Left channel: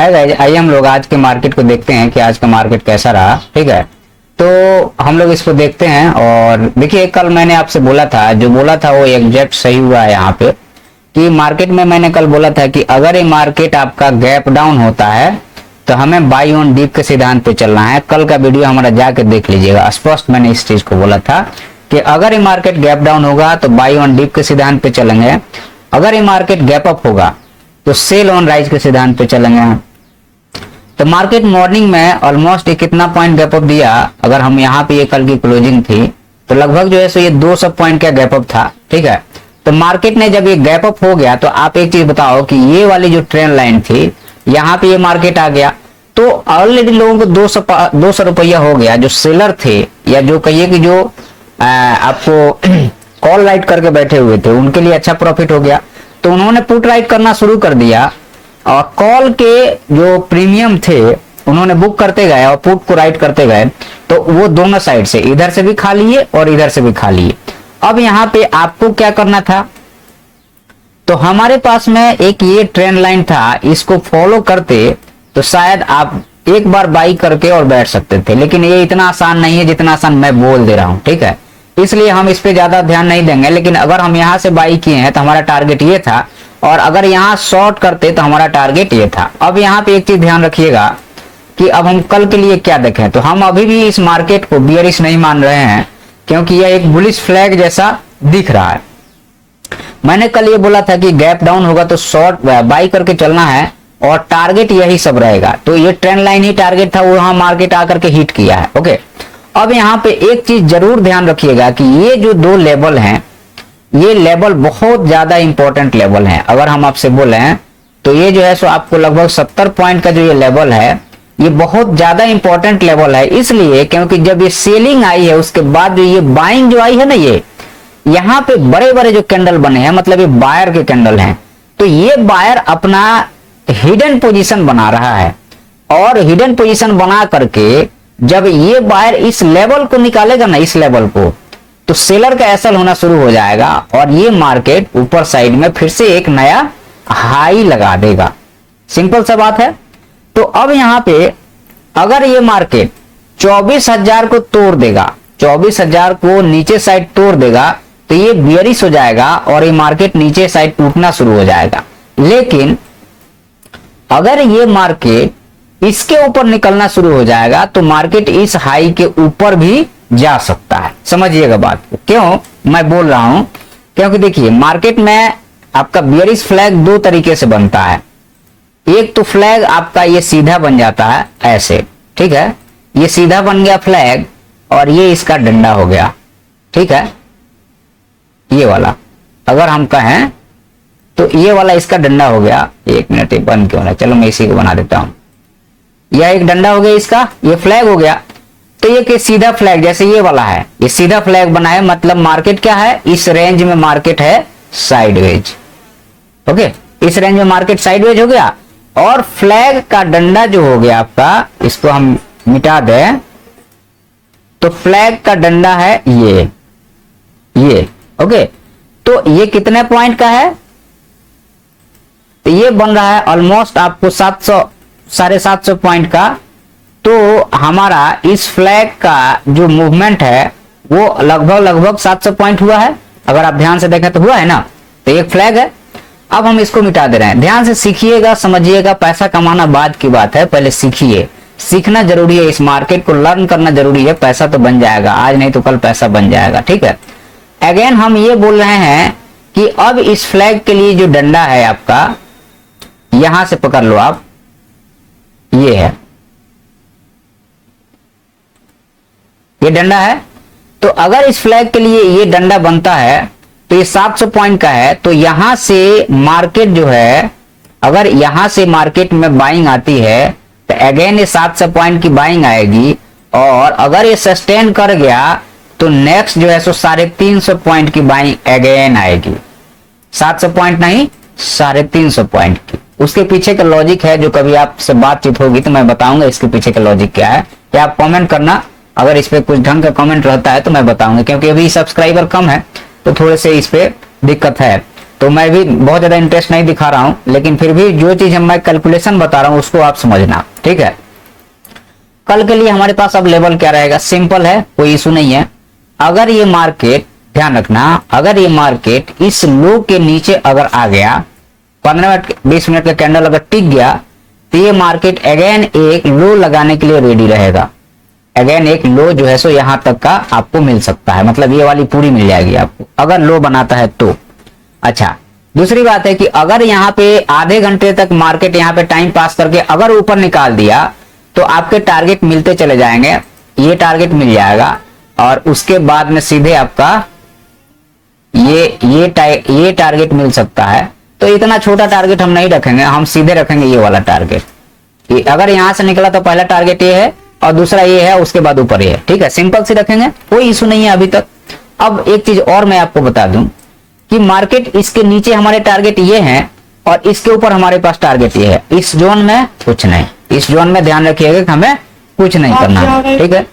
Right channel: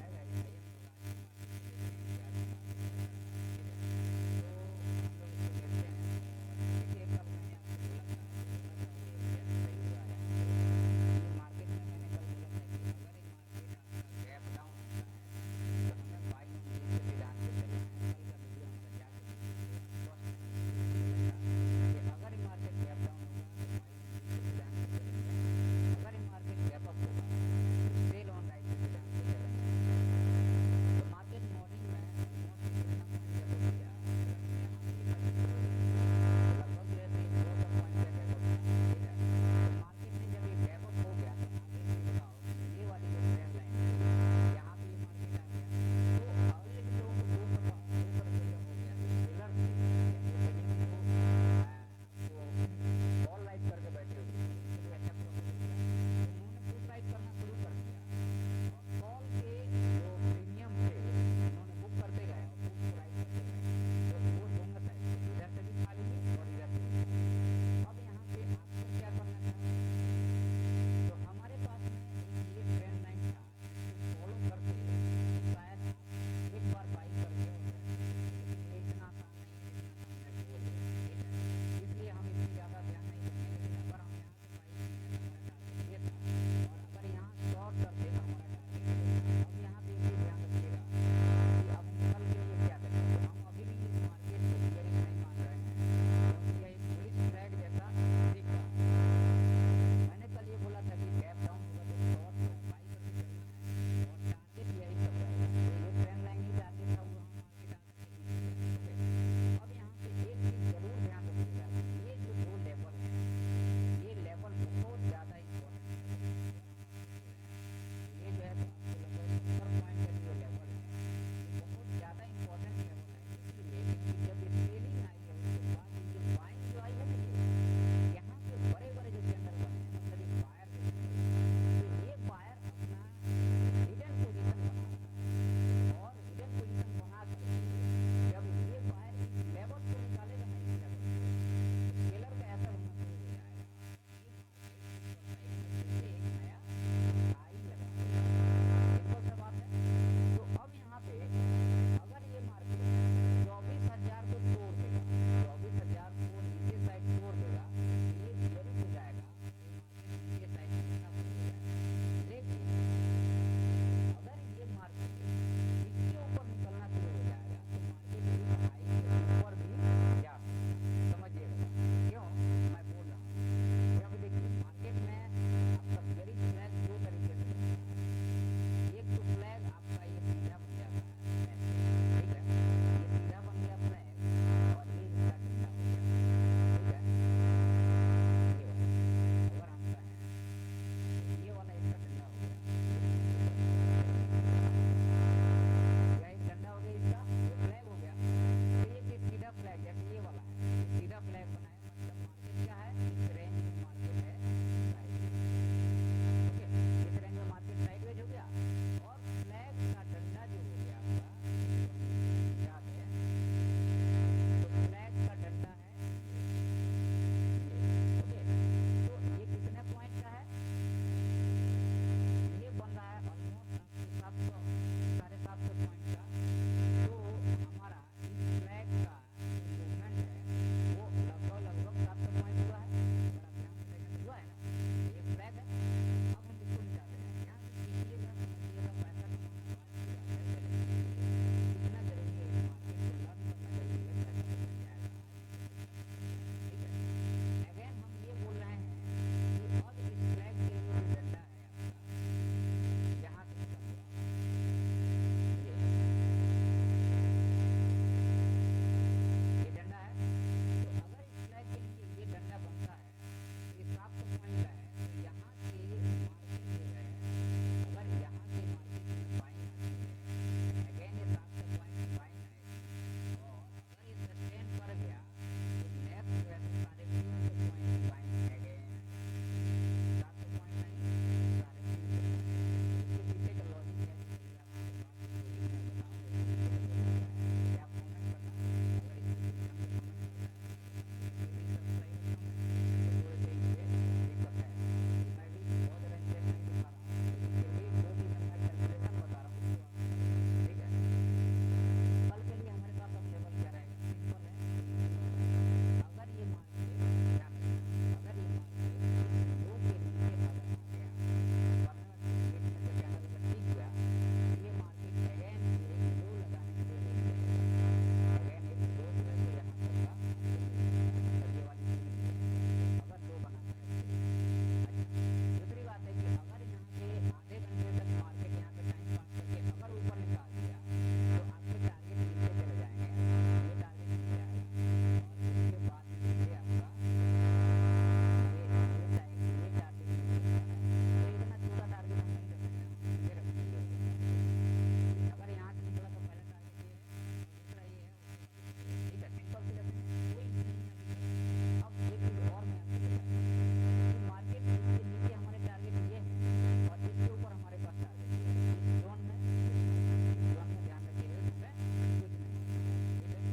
है गाइस, आइए हम लोग आज के मार्केट को देखते हैं कि आज का मार्केट कैसा रहा। ठीक है, तो हम लोग इसको देखते हैं। और देखिए, कल मैंने आपसे बोला था, जो बोला था वो एग्जैक्ट सही हुआ है यहाँ पे, कि मार्केट में मैंने कल बोला था कि अगर ये मार्केट आपका गैप डाउन होता है तो हमें बाई ऑन डीप के सिद्धांत पे चलना है। कल का वीडियो हमारा जाके देख लीजिएगा, स्पष्ट मैंने इस चीज को बोला था कि अगर ये मार्केट गैप डाउन होगा तो बाई ऑन डीप के सिद्धांत पे चलेंगे, अगर ये मार्केट गैप अप होगा तो सेल ऑन राइज के सिद्धांत पे चलेंगे। तो मार्केट मॉर्निंग में ऑलमोस्ट ये कितना पॉइंट गैप अप दिया, अगर हम यहाँ पे ये कल की क्लोजिंग थी तो लगभग जो है सो ये 200 पॉइंट का गैप अप था। ठीक है, तो मार्केट ने जब ये गैप अप हो गया तो आप एक चीज बताओ कि ये वाली जो ट्रेंड लाइन थी यहाँ पे ये मार्केट आ गया तो ऑलरेडी लोगों को 200 रुपया हो गया। जो सेलर थे या जो कहिए कि जो आपको कॉल राइट करके बैठे हुए थे उनके लिए अच्छा प्रॉफिट हो गया, तो उन्होंने पुट राइट करना शुरू कर दिया और कॉल के जो प्रीमियम थे उन्होंने बुक करते गए और पुट को राइट करते गए, तो वो दोनों साइड से, इधर से भी खा लिए और इधर से भी खा लिए। अब यहाँ पे आपको क्या करना था, तो हमारे पास में एक ये ट्रेंड लाइन था, इसको फॉलो करते तो शायद आप एक बार बाई करके और बैठ सकते थे, लेकिन ये इतना आसान नहीं है जितना आसान मैं बोल दे रहा हूं। ठीक है, इसलिए हम इस पे ज्यादा ध्यान नहीं देंगे। लेकिन अगर हम यहाँ से बाई किए हैं तो हमारा टारगेट ये था, और अगर यहाँ शॉर्ट करते तो हमारा टारगेट ये था। अब यहाँ पे एक चीज ध्यान रखिएगा कि अब हम कल के लिए क्या देखें, तो हम अभी भी इस मार्केट को बियरिश नहीं मान रहे हैं, क्योंकि यह एक बुलिश फ्लैग जैसा दिख रहा है। मैंने कल ये बोला था कि गैप डाउन होगा तो शॉर्ट बाई करके चलना है और टारगेट यही सब रहेगा। तो ये ट्रेंड लाइन ही टारगेट था, वो यहाँ मार्केट आकर के हिट किया है। ओके, अब यहाँ पे एक चीज जरूर ध्यान रखिएगा कि ये जो दो लेवल हैं, ये लेवल बहुत ज्यादा इंपॉर्टेंट लेवल हैं। अगर हम आपसे बोले तो ये जो है सो आपको लगभग 70 पॉइंट का जो ये लेवल है, ये बहुत ज्यादा इंपॉर्टेंट लेवल है। इसलिए क्योंकि जब ये सेलिंग आई है उसके बाद जो ये बाइंग जो आई है ना, ये यहाँ पे बड़े बड़े जो कैंडल बने हैं, मतलब ये बायर के कैंडल हैं, तो ये बायर अपना हिडन पोजीशन बना रहा है। और हिडन पोजीशन बना करके जब ये बायर इस लेवल को निकालेगा ना, इस लेवल को, तो सेलर का एसल होना शुरू हो जाएगा और ये मार्केट ऊपर साइड में फिर से एक नया हाई लगा देगा। सिंपल सा बात है। तो अब यहाँ पे अगर ये मार्केट 24,000 को तोड़ देगा, 24,000 को नीचे साइड तोड़ देगा, तो ये बियरिश हो जाएगा और ये मार्केट नीचे साइड टूटना शुरू हो जाएगा। लेकिन अगर ये मार्केट इसके ऊपर निकलना शुरू हो जाएगा तो मार्केट इस हाई के ऊपर भी जा सकता है। समझिएगा बात को। क्यों मैं बोल रहा हूं, क्योंकि देखिए मार्केट में आपका बियरिश फ्लैग दो तरीके से बनता है। एक तो फ्लैग आपका ये सीधा बन जाता है ऐसे, ठीक है, ये सीधा बन गया फ्लैग और ये इसका डंडा हो गया। ठीक है, ये वाला अगर हम कहें तो ये वाला इसका डंडा हो गया। एक मिनट, ये बंद क्यों ना, चलो मैं इसी को बना देता हूं। यह एक डंडा हो गया इसका, ये फ्लैग हो गया। तो ये सीधा फ्लैग जैसे ये वाला है, ये सीधा फ्लैग बना है, मतलब मार्केट क्या है, इस रेंज में मार्केट है साइडवेज। ओके, इस रेंज में मार्केट साइडवेज हो गया और फ्लैग का डंडा जो हो गया आपका, इसको हम मिटा दें, तो फ्लैग का डंडा है ये। ओके, तो ये कितने पॉइंट का है, तो ये बन रहा है ऑलमोस्ट आपको 700-750 पॉइंट का। तो हमारा इस फ्लैग का जो मूवमेंट है वो लगभग 700 पॉइंट हुआ है। अगर आप ध्यान से देखें तो हुआ है ना, तो एक फ्लैग है। अब हम इसको मिटा दे रहे हैं। ध्यान से सीखिएगा, समझिएगा। पैसा कमाना बाद की बात है, पहले सीखिए। सीखना जरूरी है, इस मार्केट को लर्न करना जरूरी है। पैसा तो बन जाएगा, आज नहीं तो कल पैसा बन जाएगा। ठीक है, अगेन हम ये बोल रहे हैं कि अब इस फ्लैग के लिए जो डंडा है आपका, यहां से पकड़ लो आप, ये है, ये डंडा है। तो अगर इस फ्लैग के लिए ये डंडा बनता है तो ये 700 पॉइंट का है। तो यहां से मार्केट जो है, अगर यहां से मार्केट में बाइंग आती है तो अगेन ये 700 पॉइंट की बाइंग आएगी। और अगर ये सस्टेन कर गया तो नेक्स्ट जो है सो 350 पॉइंट की बाइंग अगेन आएगी। 700 पॉइंट नहीं, 350 पॉइंट की। उसके पीछे का लॉजिक है, जो कभी आपसे बातचीत होगी तो मैं बताऊंगा इसके पीछे का लॉजिक क्या है। या आप कमेंट करना, अगर इस पे कुछ ढंग का कमेंट रहता है तो मैं बताऊंगा, क्योंकि अभी सब्सक्राइबर कम है तो थोड़े से इस पे दिक्कत है। तो मैं भी बहुत ज्यादा इंटरेस्ट नहीं दिखा रहा हूं, लेकिन फिर भी जो चीज मैं कैलकुलेशन बता रहा हूं उसको आप समझना, ठीक है। कल के लिए हमारे पास अब लेवल क्या रहेगा, सिंपल है, कोई इशू नहीं है। अगर ये मार्केट, ध्यान रखना, अगर ये मार्केट इस लो के नीचे अगर आ गया, 15 मिनट 20 मिनट का कैंडल अगर टिक गया, तो ये मार्केट अगेन एक लो लगाने के लिए रेडी रहेगा। अगेन एक लो जो है सो यहां तक का आपको मिल सकता है, मतलब ये वाली पूरी मिल जाएगी आपको अगर लो बनाता है तो। अच्छा, दूसरी बात है कि अगर यहाँ पे आधे घंटे तक मार्केट यहाँ पे टाइम पास करके अगर ऊपर निकाल दिया तो आपके टारगेट मिलते चले जाएंगे, ये टारगेट मिल जाएगा और उसके बाद में सीधे आपका ये टारगेट मिल सकता है। तो इतना छोटा टारगेट हम नहीं रखेंगे, हम सीधे रखेंगे ये वाला टारगेट। अगर यहां से निकला तो पहला टारगेट ये है और दूसरा ये है, उसके बाद ऊपर ये है, ठीक है, सिंपल से रखेंगे, कोई इशू नहीं है अभी तक। अब एक चीज और मैं आपको बता दूं कि मार्केट इसके नीचे हमारे टारगेट ये हैं और इसके ऊपर हमारे पास टारगेट ये है। इस जोन में कुछ नहीं, इस जोन में ध्यान रखिएगा कि हमें कुछ नहीं करना है, ठीक है।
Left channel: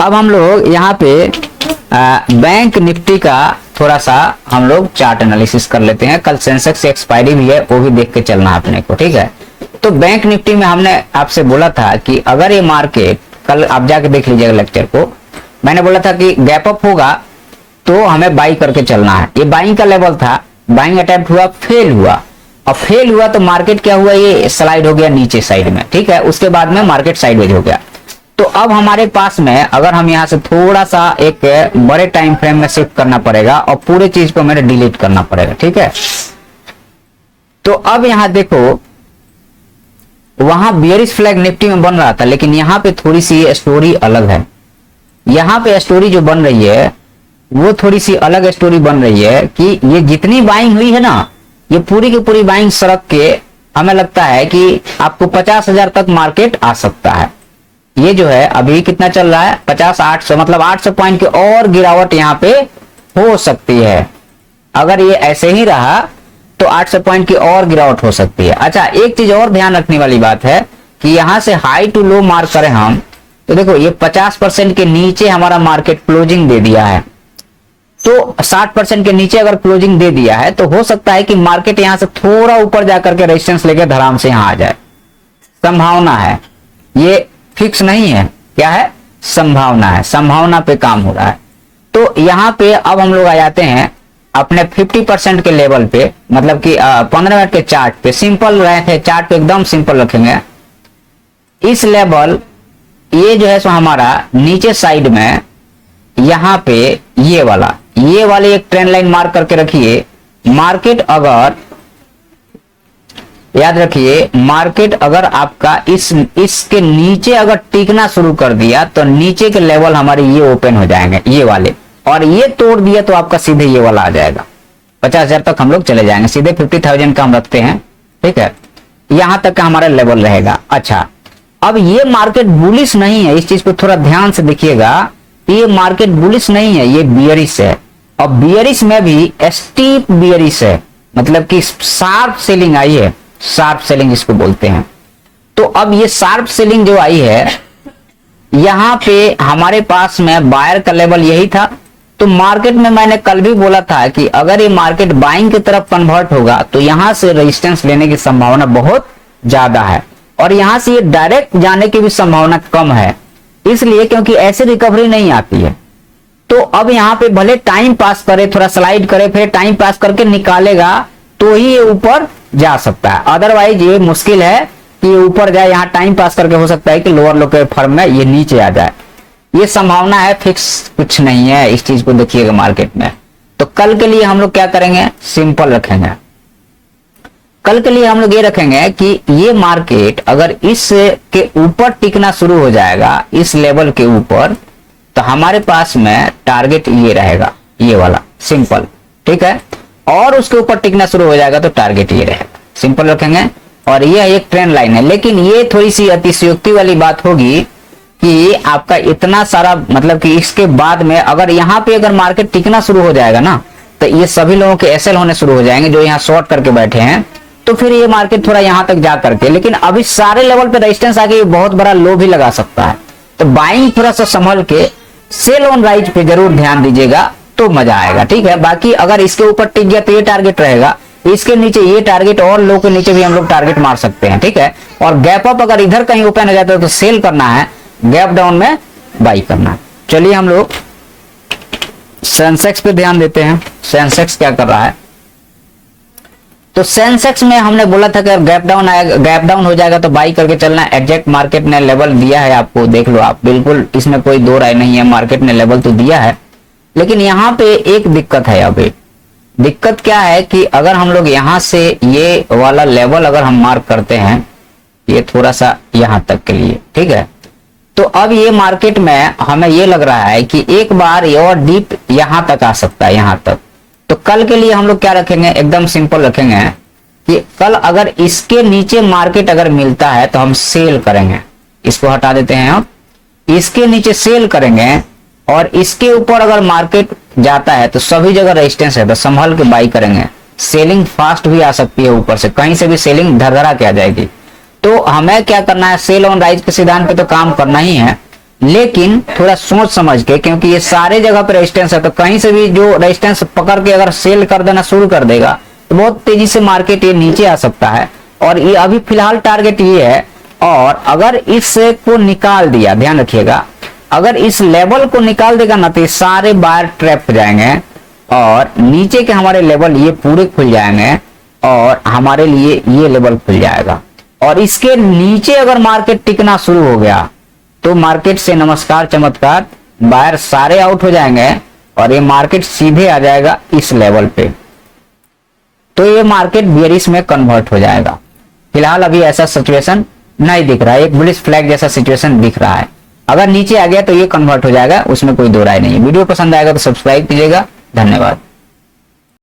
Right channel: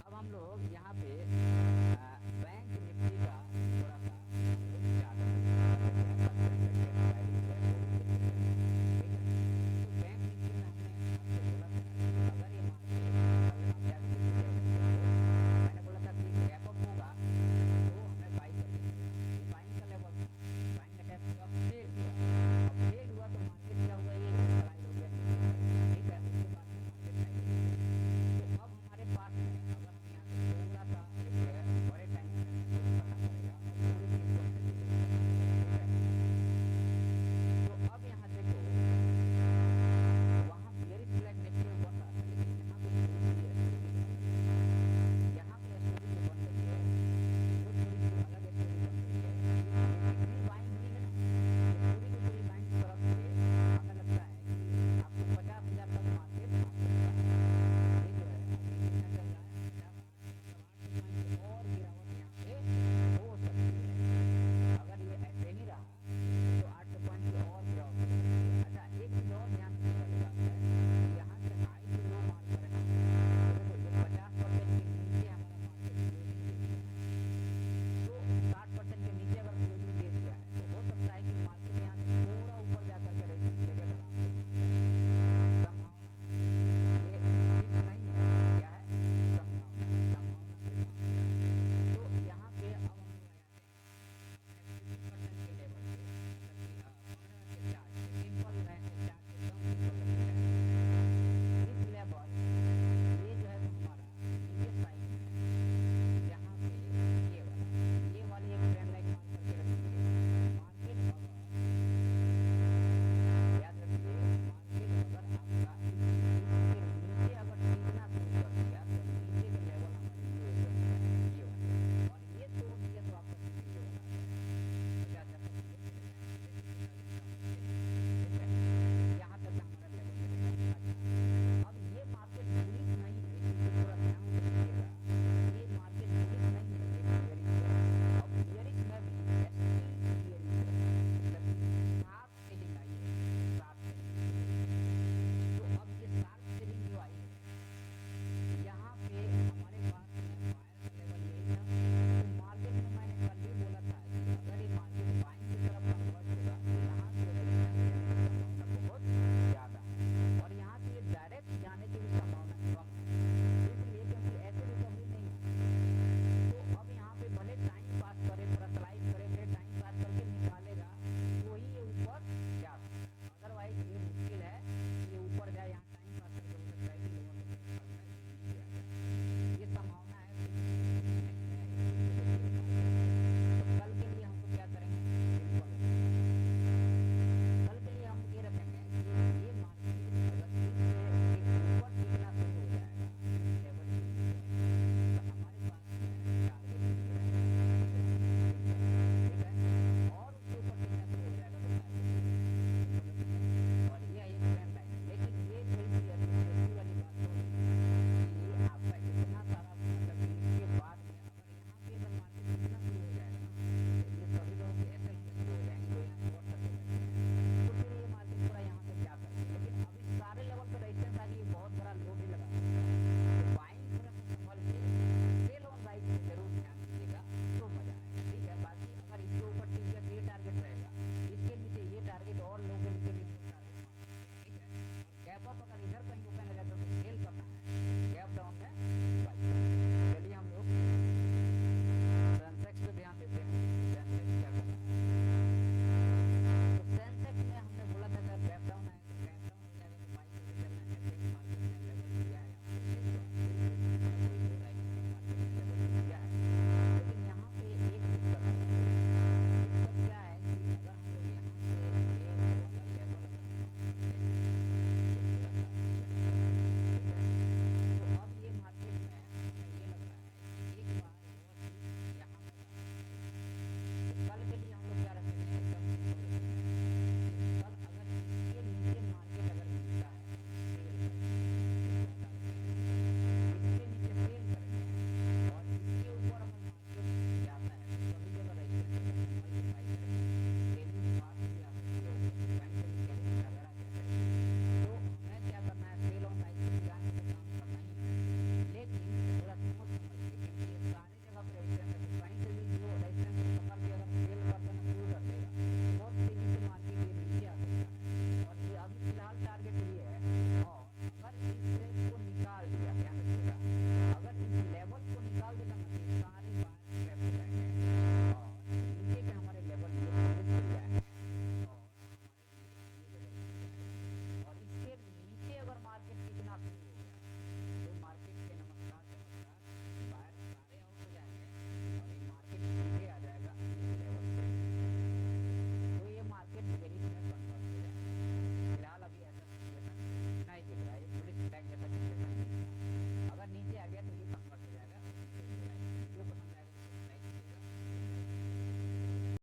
अब हम लोग यहाँ पे बैंक निफ्टी का थोड़ा सा हम लोग चार्ट एनालिसिस कर लेते हैं। कल सेंसेक्स एक्सपायरी भी है, वो भी देख के चलना अपने को, ठीक है। तो बैंक निफ्टी में हमने आपसे बोला था कि अगर ये मार्केट, कल आप जाके देख लीजिएगा लेक्चर को, मैंने बोला था कि गैप अप होगा तो हमें बाई करके चलना है। ये बाइंग का लेवल था, बाइंग अटेम्प्ट हुआ, फेल हुआ, और फेल हुआ तो मार्केट क्या हुआ, ये स्लाइड हो गया नीचे साइड में, ठीक है। उसके बाद में मार्केट साइडवेज हो गया। तो अब हमारे पास में अगर हम यहाँ से थोड़ा सा एक बड़े टाइम फ्रेम में शिफ्ट करना पड़ेगा और पूरे चीज को मेरे डिलीट करना पड़ेगा, ठीक है। तो अब यहाँ देखो, वहां बियरिश फ्लैग निफ्टी में बन रहा था, लेकिन यहाँ पे थोड़ी सी स्टोरी अलग है। यहाँ पे स्टोरी जो बन रही है वो थोड़ी सी अलग स्टोरी बन रही है कि ये जितनी बाइंग हुई है ना, ये पूरी की पूरी बाइंग सड़क के, हमें लगता है कि आपको 50,000 तक मार्केट आ सकता है। ये जो है अभी कितना चल रहा है, 50-800, मतलब 800 पॉइंट की और गिरावट यहाँ पे हो सकती है। अगर ये ऐसे ही रहा तो 800 पॉइंट की और गिरावट हो सकती है। अच्छा, एक चीज और ध्यान रखने वाली बात है कि यहां से हाई टू लो मार्क करें हम, तो देखो ये 50% के नीचे हमारा मार्केट क्लोजिंग दे दिया है। तो 60% के नीचे अगर क्लोजिंग दे दिया है तो हो सकता है कि मार्केट यहां से थोड़ा ऊपर जाकर के रेजिस्टेंस लेके धड़ाम से यहां आ जाए, संभावना है, ये फिक्स नहीं है, क्या है, संभावना है, संभावना पे काम हो रहा है। तो यहां पे अब हम लोग आ जाते हैं अपने 50% के लेवल पे, मतलब कि 15 मिनट के चार्ट पे। सिंपल रहे थे चार्ट पे, एकदम सिंपल रखेंगे। इस लेवल ये जो है सो हमारा नीचे साइड में यहां पे ये वाले एक ट्रेंड लाइन मार्क करके रखिए। मार्केट अगर, याद रखिए, मार्केट अगर आपका इसके नीचे अगर टिकना शुरू कर दिया तो नीचे के लेवल हमारे ये ओपन हो जाएंगे, ये वाले, और ये तोड़ दिया तो आपका सीधे ये वाला आ जाएगा। 50,000 तक हम लोग चले जाएंगे, सीधे 50,000 का हम रखते हैं, ठीक है। यहां तक का हमारा लेवल रहेगा। अच्छा, अब ये मार्केट बुलिश नहीं है, इस चीज को थोड़ा ध्यान से देखिएगा। ये मार्केट बुलिश नहीं है, ये बियरिश है। और बियरिश में भी स्टीप बियरिश है, मतलब कि शार्प सेलिंग आई है, शार्प सेलिंग इसको बोलते हैं। तो अब ये शार्प सेलिंग जो आई है, यहां पे हमारे पास में बायर का लेवल यही था। तो मार्केट में मैंने कल भी बोला था कि अगर ये मार्केट बाइंग की तरफ कन्वर्ट होगा तो यहां से रेजिस्टेंस लेने की संभावना बहुत ज्यादा है, और यहां से ये डायरेक्ट जाने की भी संभावना कम है, इसलिए क्योंकि ऐसे रिकवरी नहीं आती है। तो अब यहाँ पे भले टाइम पास करे, थोड़ा स्लाइड करे, फिर टाइम पास करके निकालेगा तो ही ये ऊपर जा सकता है, अदरवाइज ये मुश्किल है कि ये ऊपर जाए। यहाँ टाइम पास करके हो सकता है कि लोअर लो के फर्म में ये नीचे आ जाए, ये संभावना है, फिक्स कुछ नहीं है। इस चीज को देखिएगा मार्केट में। तो कल के लिए हम लोग क्या करेंगे, सिंपल रखेंगे। कल के लिए हम लोग ये रखेंगे कि ये मार्केट अगर इस के ऊपर टिकना शुरू हो जाएगा, इस लेवल के ऊपर, तो हमारे पास में टारगेट ये रहेगा, ये वाला, सिंपल, ठीक है। और उसके ऊपर टिकना शुरू हो जाएगा तो टारगेट ये रहेगा, सिंपल रखेंगे। और ये एक ट्रेंड लाइन है, लेकिन ये थोड़ी सी अतिशयोक्ति वाली बात होगी कि आपका इतना सारा, मतलब कि इसके बाद में अगर यहाँ पे अगर मार्केट टिकना शुरू हो जाएगा ना, तो ये सभी लोगों के एसएल होने शुरू हो जाएंगे जो यहाँ शॉर्ट करके बैठे हैं। तो फिर ये मार्केट थोड़ा यहाँ तक जा करके, लेकिन अभी सारे लेवल पे रेजिस्टेंस आके बहुत बड़ा लो भी लगा सकता है। तो बाइंग थोड़ा सा संभल के, सेल ऑन राइज पे जरूर ध्यान दीजिएगा। तो मजा आएगा, ठीक है। बाकी अगर इसके ऊपर टिक गया तो ये टारगेट रहेगा, इसके नीचे ये टारगेट और लो के नीचे भी हम लोग टारगेट मार सकते हैं, ठीक है। और गैप अप अगर इधर कहीं ओपन हो जाता है तो सेल करना है, गैप डाउन में बाई करना है। चलिए हम लोग सेंसेक्स पे ध्यान देते हैं, सेंसेक्स क्या कर रहा है। तो सेंसेक्स में हमने बोला था कि अगर गैप डाउन आएगा, गैप डाउन हो जाएगा तो बाई करके चलना। एग्जैक्ट मार्केट ने लेवल दिया है आपको, देख लो आप, बिल्कुल इसमें कोई दो राय नहीं है, मार्केट ने लेवल तो दिया है। लेकिन यहाँ पे एक दिक्कत है, अभी दिक्कत क्या है कि अगर हम लोग यहाँ से ये वाला लेवल अगर हम मार्क करते हैं, ये थोड़ा सा यहाँ तक के लिए, ठीक है, तो अब ये मार्केट में हमें ये लग रहा है कि एक बार ये और डीप यहाँ तक आ सकता है, यहाँ तक। तो कल के लिए हम लोग क्या रखेंगे, एकदम सिंपल रखेंगे कि कल अगर इसके नीचे मार्केट अगर मिलता है तो हम सेल करेंगे, इसको हटा देते हैं हम, इसके नीचे सेल करेंगे। और इसके ऊपर अगर मार्केट जाता है तो सभी जगह रेजिस्टेंस है तो संभल के बाई करेंगे। सेलिंग फास्ट भी आ सकती है, ऊपर से कहीं से भी सेलिंग धरधरा के आ जाएगी। तो हमें क्या करना है, सेल ऑन राइज के सिद्धांत पे तो काम करना ही है, लेकिन थोड़ा सोच समझ के, क्योंकि ये सारे जगह पे रेजिस्टेंस है तो कहीं से भी जो रेजिस्टेंस पकड़ के अगर सेल कर देना शुरू कर देगा तो बहुत तेजी से मार्केट ये नीचे आ सकता है। और ये अभी फिलहाल टारगेट ये है, और अगर इससे को निकाल दिया, ध्यान रखिएगा, अगर इस लेवल को निकाल देगा ना तो ये सारे बायर ट्रैप हो जाएंगे और नीचे के हमारे लेवल ये पूरे खुल जाएंगे और हमारे लिए ये लेवल खुल जाएगा। और इसके नीचे अगर मार्केट टिकना शुरू हो गया तो मार्केट से नमस्कार चमत्कार, बायर सारे आउट हो जाएंगे और ये मार्केट सीधे आ जाएगा इस लेवल पे, तो ये मार्केट बेयरिश में कन्वर्ट हो जाएगा। फिलहाल अभी ऐसा सिचुएशन नहीं दिख रहा है, एक बुलिश फ्लैग जैसा सिचुएशन दिख रहा है। अगर नीचे आ गया तो ये कन्वर्ट हो जाएगा, उसमें कोई दो राय नहीं है। वीडियो पसंद आएगा तो सब्सक्राइब कीजिएगा। धन्यवाद।